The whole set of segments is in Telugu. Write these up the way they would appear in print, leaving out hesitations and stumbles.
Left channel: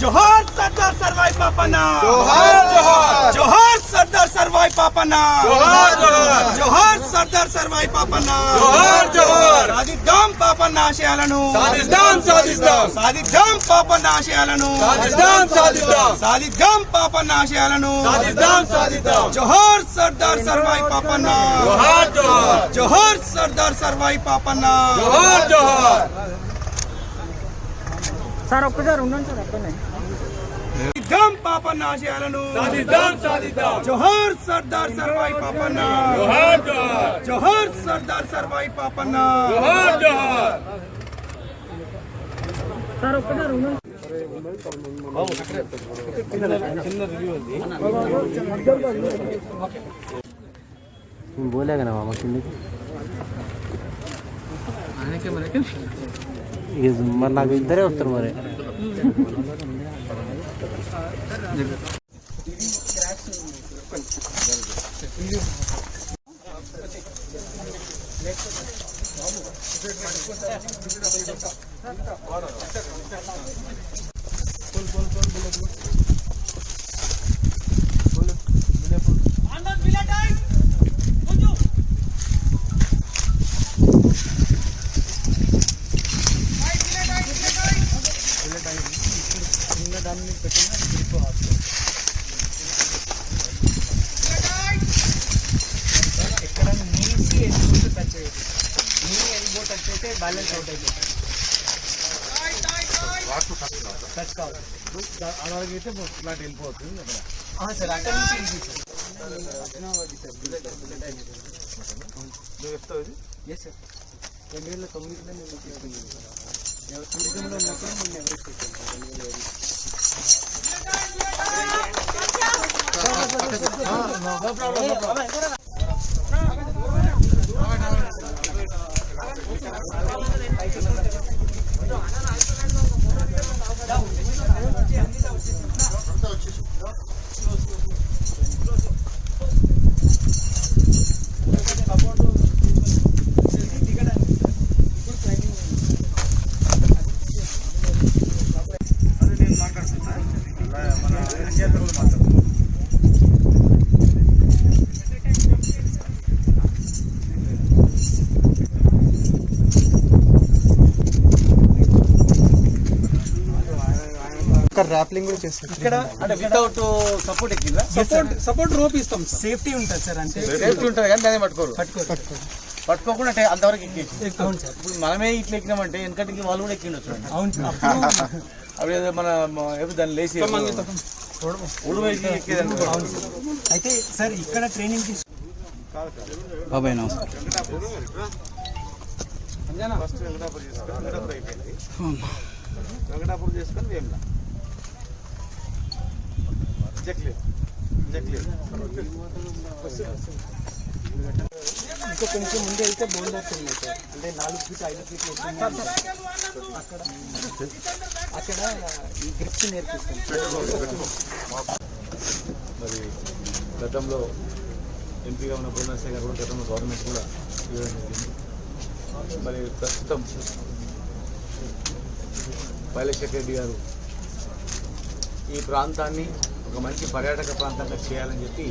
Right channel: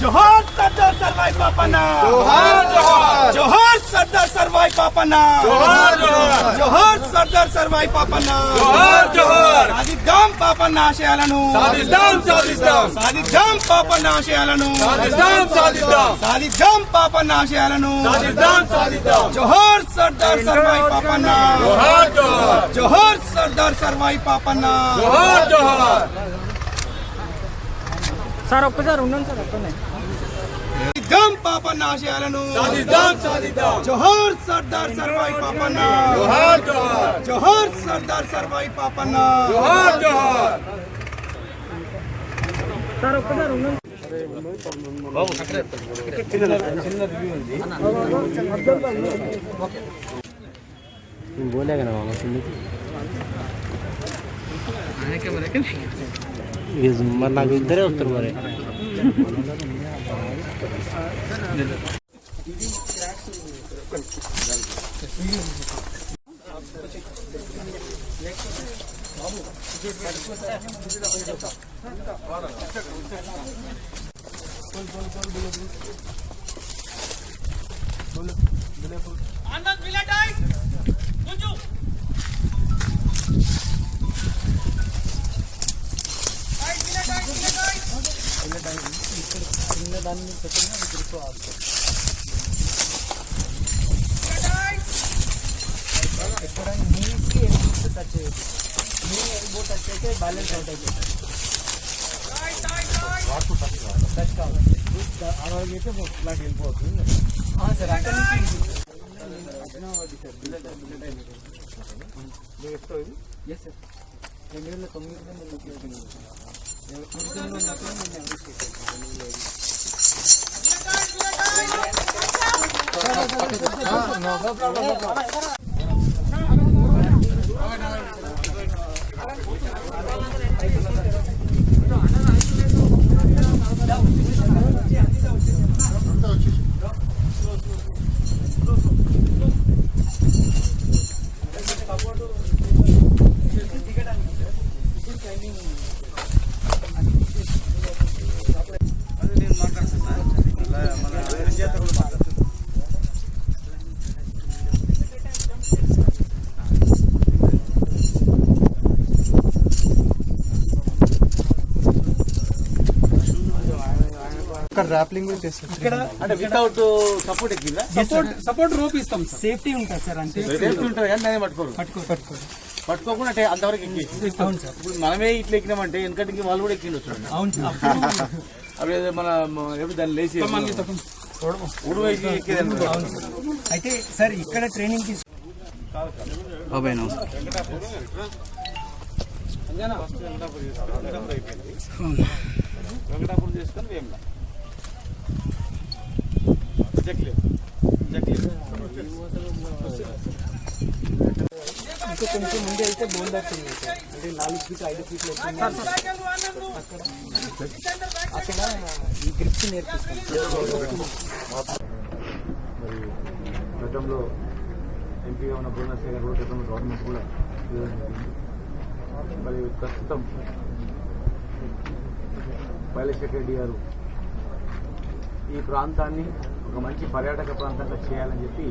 जोहार सरदार सरवाई पापना, जोहार जोहार, जोहार सरदार सरवाई पापना, जोहार जोहार, जोहार सरदार सरवाई पापना, जोहार जोहार, साधिద్దాం పాపన్న ఆశయాలను, సాధిద్దాం సాధిద్దాం, సాధిద్దాం పాపన్న ఆశయాలను, సాధిద్దాం సాధిద్దాం, సాధిద్దాం పాపన్న ఆశయాలను, సాధిద్దాం సాధిద్దాం, జోహార్ సర్దార్ సర్వాయి పాపన్న, జోహార్ జోహార్, జోహార్ సర్దార్ సర్వాయి పాపన్న, జోహార్ జోహార్. సార్ ఒక్కసారి ఉండండి సార్ అక్కడనే. సాధిద్దాం పాపన్న ఆశయాలను, సాధిద్దాం సాధిద్దాం, జోహార్ సర్దార్ సర్వాయి పాపన్న, జోహార్ జోహార్, జోహార్ సర్దార్ సర్వాయి పాపన్న, జోహార్ జోహార్. సార్ ఒక్కసారి ఉండండి. చిన్న రివ్యూ ఉంది. నేను బోలేగా నా మామ కిందకి మరి నాకు ఇద్దరే వస్తారు మరి. చిన్న దాన్ని పెట్టిన గ్రిప్ ఎక్కడ నీకి ఎల్బో టచ్ అయ్యేది, నీ ఎల్బో టచ్ అయితే బ్యాలెన్స్ అవుట్ అయిపోతుంది. టచ్ కావాలి అలాగైతే ఫ్లాట్ వెళ్ళిపోతుంది సార్. అక్కడ నుంచి చెప్తావు ఇది. ఎస్ సార్, 2009 నేను తీసుకున్నాను. టూరిజంలో ఉన్నప్పుడు నేను ఎవరికి ర్యాప్లింగ్ కూడా చేస్తారు. ఇక్కడ అంటే వితౌట్ సపోర్ట్ ఎక్కిందా? సపోర్ట్ రోప్ ఇస్తాం, సేఫ్టీ ఉంటుంది సార్. అంటే సేఫ్టీ ఉంటుంది కానీ దాన్ని పట్టుకోకుండా అంటే అంతవరకు ఎక్కి. అవును సార్. ఇప్పుడు మనమే ఇట్లా ఎక్కినామంటే వెనకటికి వాళ్ళు కూడా ఎక్కిండొచ్చు. అవును సార్. అప్పుడు మన ఎప్పుడు దాన్ని లేచి ఉడు వేసి ఎక్కేదండి. అవును సార్. అయితే సార్ ఇక్కడ ట్రైనింగ్ ఫస్ట్ వెంకటాపూర్ అయిపోయింది. వెంకటాపూర్ చేసుకొని వేముల ఇంకా కొంచెం ముందే అయితే బోల్డర్స్ ఉన్నాయి సార్. అంటే 4 ఫీట్ 5 ఫీట్లు అక్కడ అక్కడ ఈ గ్రిప్స్ నేర్పిస్తాం. మరి గతంలో ఎంపీగా ఉన్న బృందాశ్రీ గారు కూడా గతంలో గవర్నమెంట్ కూడా ఇవ్వడం జరిగింది. మరి ప్రస్తుతం పైలశేఖర్ రెడ్డి గారు ఈ ప్రాంతాన్ని ఒక మంచి పర్యాటక ప్రాంతంగా చేయాలని చెప్పి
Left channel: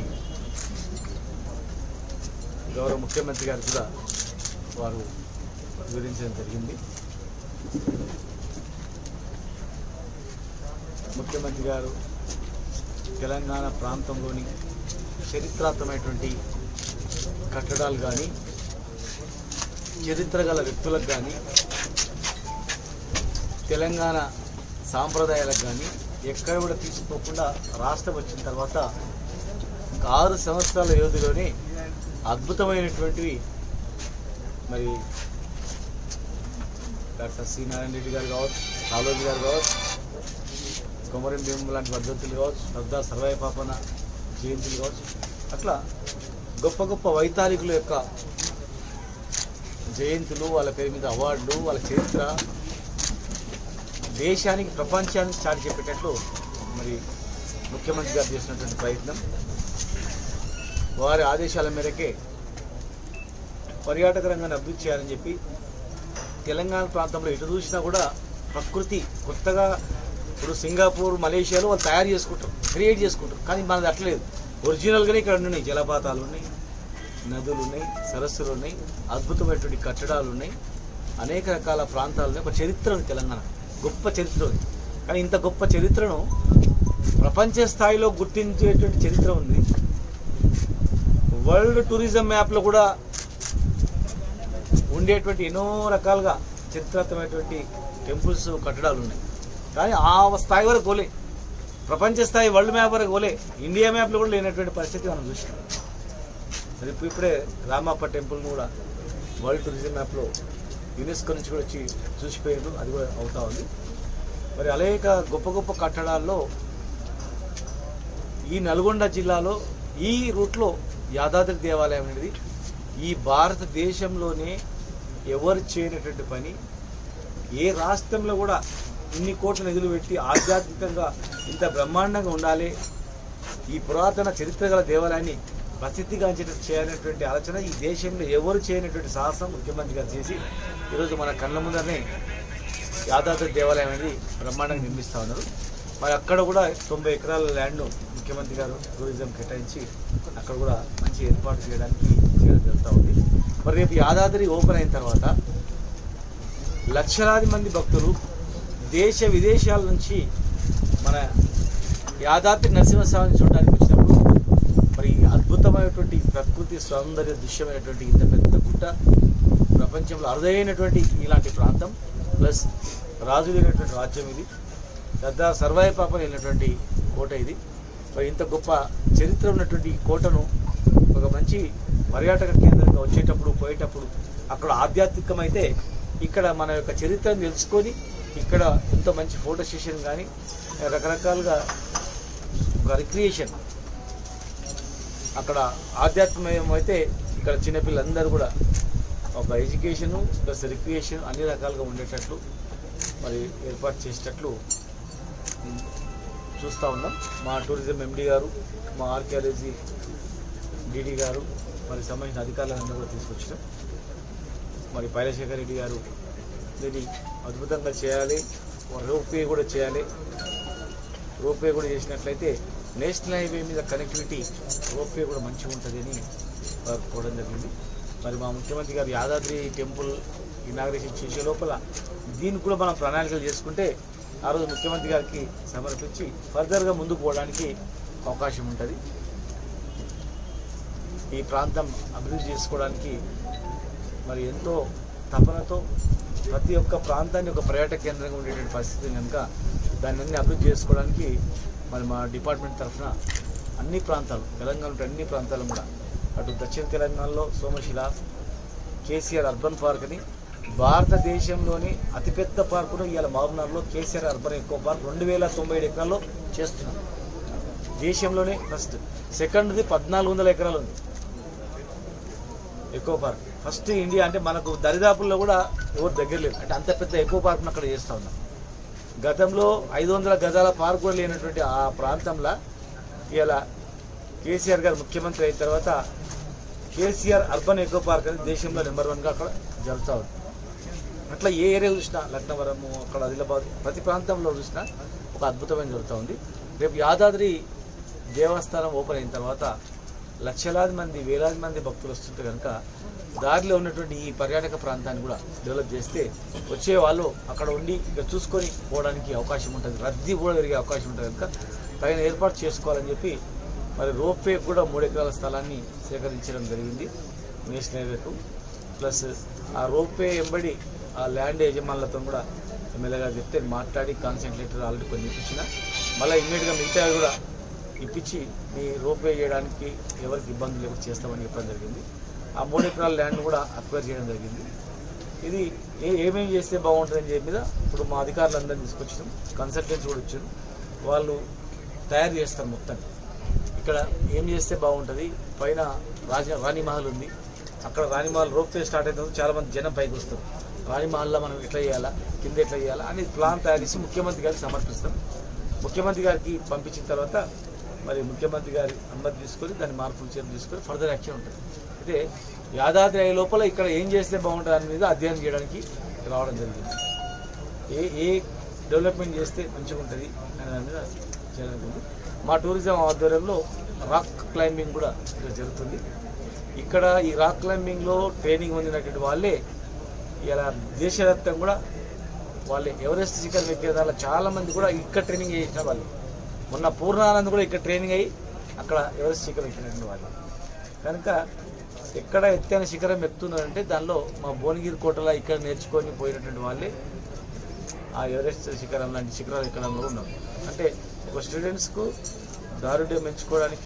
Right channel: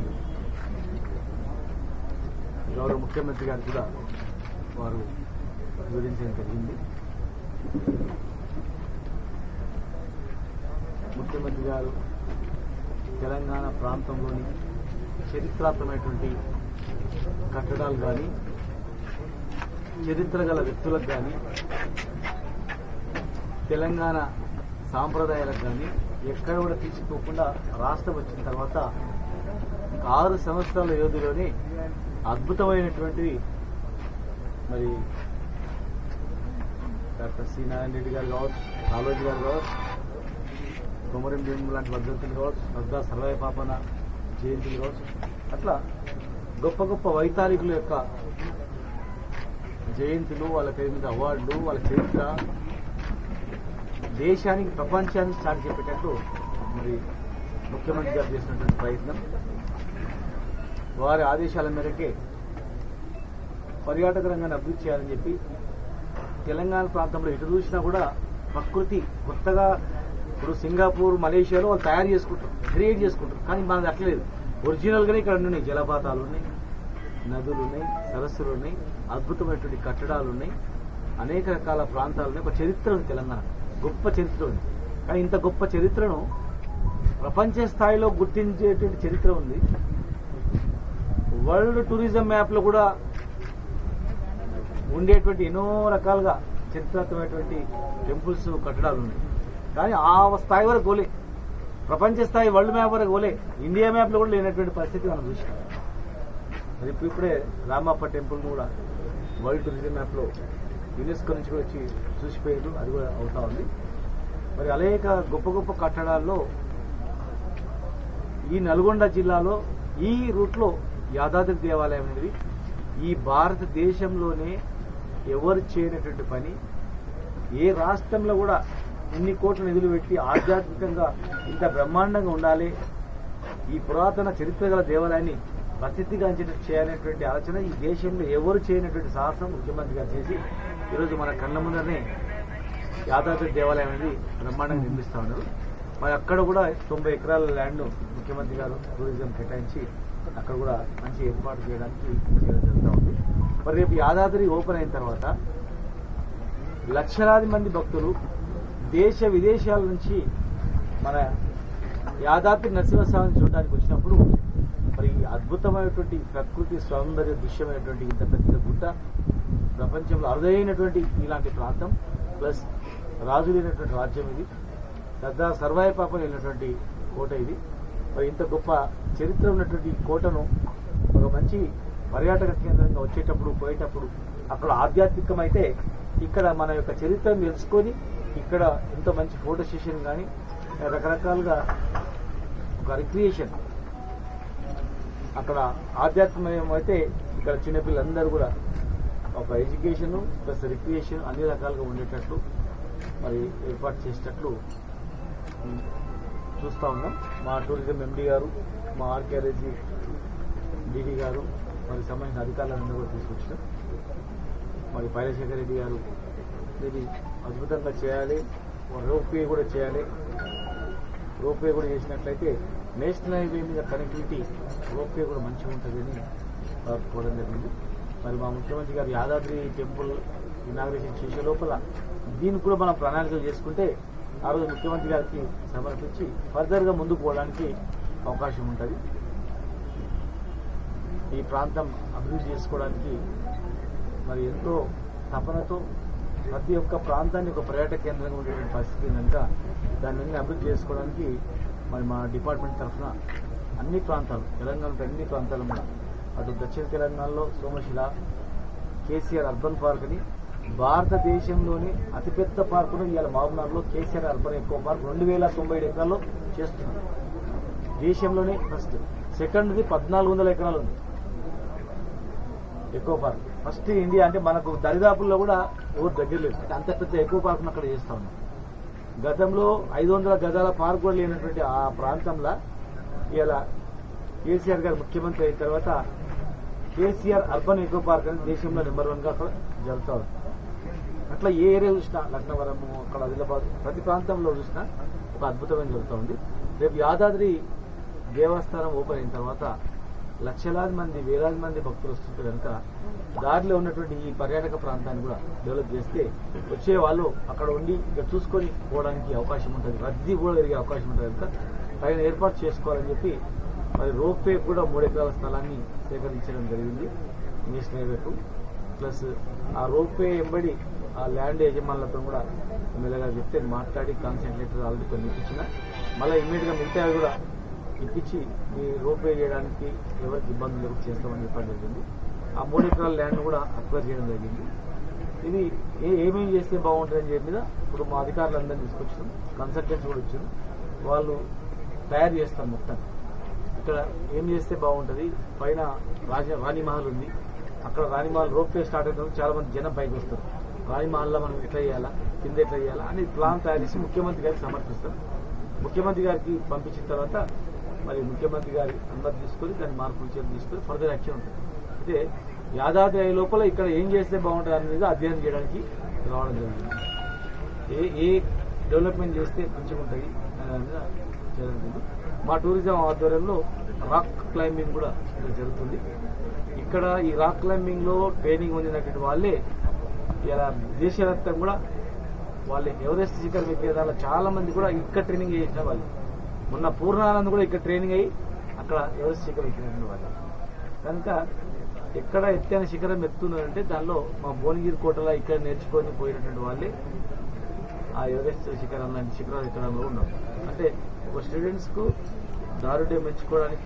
గౌరవ ముఖ్యమంత్రి గారు కూడా వారు వివరించడం జరిగింది. ముఖ్యమంత్రి గారు తెలంగాణ ప్రాంతంలోని చరిత్రాత్మకమైనటువంటి కట్టడాలు కానీ, చరిత్ర గల వ్యక్తులకు కానీ, తెలంగాణ సాంప్రదాయాలకు కానీ ఎక్కడ కూడా తీసుకోకుండా రాష్ట్రం వచ్చిన తర్వాత 6 సంవత్సరాల వ్యవధిలోనే అద్భుతమైనటువంటివి మరి డాక్టర్ సి నారాయణ రెడ్డి గారు కావచ్చు, కాళోజీ గారు కావచ్చు, కొమరం భీం లాంటి వర్ధంతులు కావచ్చు, సర్దార్ సర్వాయి పాపన్న జయంతులు కావచ్చు, అట్లా గొప్ప గొప్ప వైతాళికుల యొక్క జయంతులు, వాళ్ళ పేరు మీద అవార్డులు, వాళ్ళ చరిత్ర దేశానికి ప్రపంచానికి చాటి చెప్పేటట్లు మరి ముఖ్యమంత్రి గారు చేసినటువంటి ప్రయత్నం, వారి ఆదేశాల మేరకే పర్యాటక రంగాన్ని అభివృద్ధి చేయాలని చెప్పి తెలంగాణ ప్రాంతంలో ఎటు చూసినా కూడా ప్రకృతి కొత్తగా ఇప్పుడు సింగపూర్, మలేషియాలో వాళ్ళు తయారు చేసుకుంటారు, క్రియేట్ చేసుకుంటారు. కానీ మనది అట్లేదు. ఒరిజినల్గానే ఇక్కడ ఉన్నాయి. జలపాతాలు ఉన్నాయి, నదులు ఉన్నాయి, సరస్సులు ఉన్నాయి, అద్భుతమైనటువంటి కట్టడాలు ఉన్నాయి, అనేక రకాల ప్రాంతాలు ఉన్నాయి. ఒక చరిత్ర ఉంది తెలంగాణ, గొప్ప చరిత్ర ఉంది. కానీ ఇంత గొప్ప చరిత్రను ప్రపంచ స్థాయిలో గుర్తించేటువంటి చరిత్ర ఉంది. వరల్డ్ టూరిజం మ్యాప్లో కూడా ఉండేటువంటి ఎన్నో రకాలుగా చరిత్రాత్మకమైనటువంటి టెంపుల్స్, కట్టడాలు ఉన్నాయి. కానీ ఆ స్థాయి వరకు పోలే, ప్రపంచ స్థాయి వరల్డ్ మ్యాప్ వరకు పోలే, ఇండియా మ్యాప్లో కూడా లేనటువంటి పరిస్థితి మనం చూసినాం. మరి ఇప్పుడే రామప్ప టెంపుల్ని కూడా వరల్డ్ టూరిజం మ్యాప్లో యునెస్కో నుంచి కూడా వచ్చి చూసిపోయారు, అది కూడా అవుతా ఉంది. మరి అనేక గొప్ప గొప్ప కట్టడాల్లో ఈ నల్గొండ జిల్లాలో ఈ రూట్లో యాదాద్రి దేవాలయం అనేది ఈ భారతదేశంలోనే ఎవరు చేయనటువంటి పని. ఏ రాష్ట్రంలో కూడా ఇన్ని కోట్ల నిధులు పెట్టి ఆధ్యాత్మికంగా ఇంత బ్రహ్మాండంగా ఉండాలి, ఈ పురాతన చరిత్ర గల దేవాలయాన్ని ప్రసిద్ధిగాంచేటట్టు చేయాలనేటువంటి ఆలోచన ఈ దేశంలో ఎవరు చేయనటువంటి సాహసం ముఖ్యమంత్రి గారు చేసి ఈరోజు మన కళ్ళ ముందరనే యాదాద్రి దేవాలయం అనేది బ్రహ్మాండంగా నిర్మిస్తూ ఉన్నారు. మరి అక్కడ కూడా 90 ఎకరాల ల్యాండ్ను ముఖ్యమంత్రి గారు టూరిజం కేటాయించి అక్కడ కూడా మంచి ఏర్పాటు చేయడానికి చేయడం జరుగుతూ ఉంది. మరి రేపు యాదాద్రి ఓపెన్ అయిన తర్వాత లక్షలాది మంది భక్తులు దేశ విదేశాల నుంచి మన యాదాద్రి నరసింహస్వామిని చూడడానికి వచ్చినప్పుడు మరి అద్భుతమైనటువంటి ప్రకృతి సౌందర్య దృశ్యమైనటువంటి ఇంత పెద్ద గుట్ట, ప్రపంచంలో అరుదైనటువంటి ఇలాంటి ప్రాంతం, ప్లస్ రాజు లేనటువంటి రాజ్యం ఇది, సర్దార్ సర్వాయి పాపన్ వెళ్ళినటువంటి కోట ఇది. మరి ఇంత గొప్ప చరిత్ర ఉన్నటువంటి కోటను ఒక మంచి పర్యాటక కేంద్రంగా వచ్చేటప్పుడు పోయేటప్పుడు అక్కడ ఆధ్యాత్మికమైతే ఇక్కడ మన యొక్క చరిత్రను తెలుసుకొని ఇక్కడ ఎంతో మంచి ఫోటో సెషన్ కానీ రకరకాలుగా ఒక రిక్రియేషన్ అక్కడ ఆధ్యాత్మికం అయితే ఇక్కడ చిన్నపిల్లలందరూ కూడా ఒక ఎడ్యుకేషను ప్లస్ రిక్రియేషన్ అన్ని రకాలుగా ఉండేటట్లు మరి ఏర్పాటు చేసేటట్లు చూస్తూ ఉన్నాం. మా టూరిజం ఎండి గారు, మా ఆర్కియాలజీ డీడీ గారు, మరి సంబంధించిన అధికారులందరూ కూడా తీసుకొచ్చినాం. మరి పైలశేఖర్ రెడ్డి గారు దీన్ని అద్భుతంగా చేయాలి, రోప్వే కూడా చేయాలి. రోప్వే కూడా చేసినట్లయితే నేషనల్ హైవే మీద కనెక్టివిటీ రోప్వే కూడా మంచిగా ఉంటుంది అని కోవడం జరిగింది. మరి మా ముఖ్యమంత్రి గారు యాదాద్రి టెంపుల్ ఇనాగ్రేషన్ చేసే లోపల దీన్ని కూడా మనం ప్రణాళికలు చేసుకుంటే ఆ రోజు ముఖ్యమంత్రి గారికి సమర్పించి ఫర్దర్గా ముందుకు పోవడానికి అవకాశం ఉంటుంది. ఈ ప్రాంతం అభివృద్ధి చేసుకోవడానికి మరి ఎంతో తపనతో ప్రతి ఒక్క ప్రాంతాన్ని ఒక పర్యాటక కేంద్రంగా ఉండేటువంటి పరిస్థితి కనుక దాన్ని అన్ని అభివృద్ధి చేసుకోవడానికి మరి మా డిపార్ట్మెంట్ తరఫున అన్ని ప్రాంతాలు, తెలంగాణ అన్ని ప్రాంతాలు కూడా అటు దక్షిణ తెలంగాణలో సోమశిల, కేసీఆర్ అర్బన్ పార్క్ అని భారతదేశంలోని అతిపెద్ద పార్కును ఇవాళ మహబూబ్నగర్లో కేసీఆర్ అర్బన్ ఎకో పార్క్ 2097 ఎకరాల్లో చేస్తున్నారు. దేశంలోనే ఫస్ట్. సెకండ్ది 1400 ఎకరాలు ఉంది ఎకో పార్క్. ఫస్ట్ ఇండియా అంటే మనకు దరిదాపుల్లో కూడా ఎవరు దగ్గర లేదు, అంటే అంత పెద్ద ఎకో పార్క్ను అక్కడ చేస్తూ ఉన్నాం. గతంలో 500 గజాల పార్క్ కూడా లేనటువంటి ఆ ప్రాంతంలో ఇలా కేసీఆర్ గారు ముఖ్యమంత్రి అయిన తర్వాత కేసీఆర్ అర్బన్ ఎకో పార్క్ అనేది దేశంలో నెంబర్ 1గా అక్కడ జరుగుతూ ఉంది. అట్లా ఏ ఏరియా చూసినా, లక్నవరము, అక్కడ ఆదిలాబాద్, ప్రతి ప్రాంతంలో చూసినా ఒక అద్భుతమైన జరుగుతూ ఉంది. రేపు యాదాద్రి దేవస్థానం ఓపెన్ అయిన తర్వాత లక్షలాది మంది, వేలాది మంది భక్తులు వస్తుంటే కనుక దారిలో ఉన్నటువంటి ఈ పర్యాటక ప్రాంతాన్ని కూడా డెవలప్ చేస్తే వచ్చే వాళ్ళు అక్కడ ఉండి ఇక్కడ చూసుకొని పోవడానికి అవకాశం ఉంటుంది, రద్దీ కూడా పెరిగే అవకాశం ఉంటుంది. కనుక తగిన ఏర్పాటు చేసుకోవాలని చెప్పి మరి రోప్వే కూడా 3 ఎకరాల స్థలాన్ని సేకరించడం జరిగింది నేషనల్ హైవేకు. ప్లస్ ఆ రోప్వే వెంబడి ఆ ల్యాండ్ యజమానులతో కూడా ఎమ్మెల్యేగా చెప్తే మాట్లాడి కాన్సెంట్ లెటర్ ఆల్రెడీ కొన్ని ఇప్పించిన, మళ్ళీ ఇమ్మీడియట్గా మిగతా కూడా ఇప్పించి మీ రోప్వే చేయడానికి ఎవరికి ఇబ్బంది లేకుండా చేస్తామని చెప్పడం జరిగింది. ఆ 3 ఎకరాల ల్యాండ్ కూడా అక్వైర్ చేయడం జరిగింది. ఇది ఏమేమి చేస్తే బాగుంటుందని చెప్పి మీద ఇప్పుడు మా అధికారులందరినీ తీసుకొచ్చినాం, కన్సల్టెంట్స్ కూడా వచ్చారు. వాళ్ళు తయారు చేస్తారు మొత్తం. ఇక్కడ ఏం చేస్తే బాగుంటుంది, పైన రాణిమహల్ ఉంది, అక్కడ రాణిమహల్ రోప్ వే స్టార్ట్ అవుతుంది, చాలామంది జనం పైకి వస్తారు. రాణిమహల్లో మనం ఎట్లా చేయాలా, కింద ఎట్లా చేయాలా అని ప్లాన్ తయారు చేసి ముఖ్యమంత్రి గారికి సమర్పిస్తాం. ముఖ్యమంత్రి గారికి పంపించిన తర్వాత మరి ముఖ్యమంత్రి గారి అనుమతి తీసుకొని దాన్ని మార్పులు చర్యలు తీసుకొని ఫర్దర్ యాక్షన్ ఉంటుంది. అయితే యాదాద్రి అయ్యే లోపల ఇక్కడ ఏం చేస్తే బాగుంటుంది దాని మీద అధ్యయనం చేయడానికి రావడం జరిగింది. ఏ డెవలప్మెంట్ చేస్తే మంచిగా ఉంటుంది అనే దాని మీద చేయడం జరిగింది. మా టూరిజం ఆధ్వర్యంలో రాక్ క్లైంబింగ్ కూడా ఇక్కడ జరుగుతుంది. ఇక్కడ ఈ రాక్ క్లైంబింగ్లో ట్రైనింగ్ పొందినటువంటి వాళ్ళే ఇలా దేశవ్యాప్తంగా కూడా వాళ్ళే ఎవరెస్ట్ శిఖరం ఎక్కే దానిలో చాలామంది కూడా ఇక్కడ ట్రైనింగ్ చేసిన వాళ్ళు. మొన్న పూర్ణానంద్ కూడా ఇక్కడ ట్రైనింగ్ అయ్యి అక్కడ ఎవరెస్ట్ శిఖరం ఎక్కినటువంటి వాళ్ళు. కనుక ఎక్కడ ఎత్తైన శిఖరం ఎక్కుతున్నారంటే దానిలో మా భువనగిరి కోటలో ఇక్కడ నేర్చుకొని పోయినటువంటి వాళ్ళే ఆ ఎవరెస్ట్ శిఖరం లాంటి శిఖరాలు ఎక్కడంలో ఉన్నారు. అంటే ఒక స్టూడెంట్స్కు దారుఢ్యం పెంచుకోవడానికి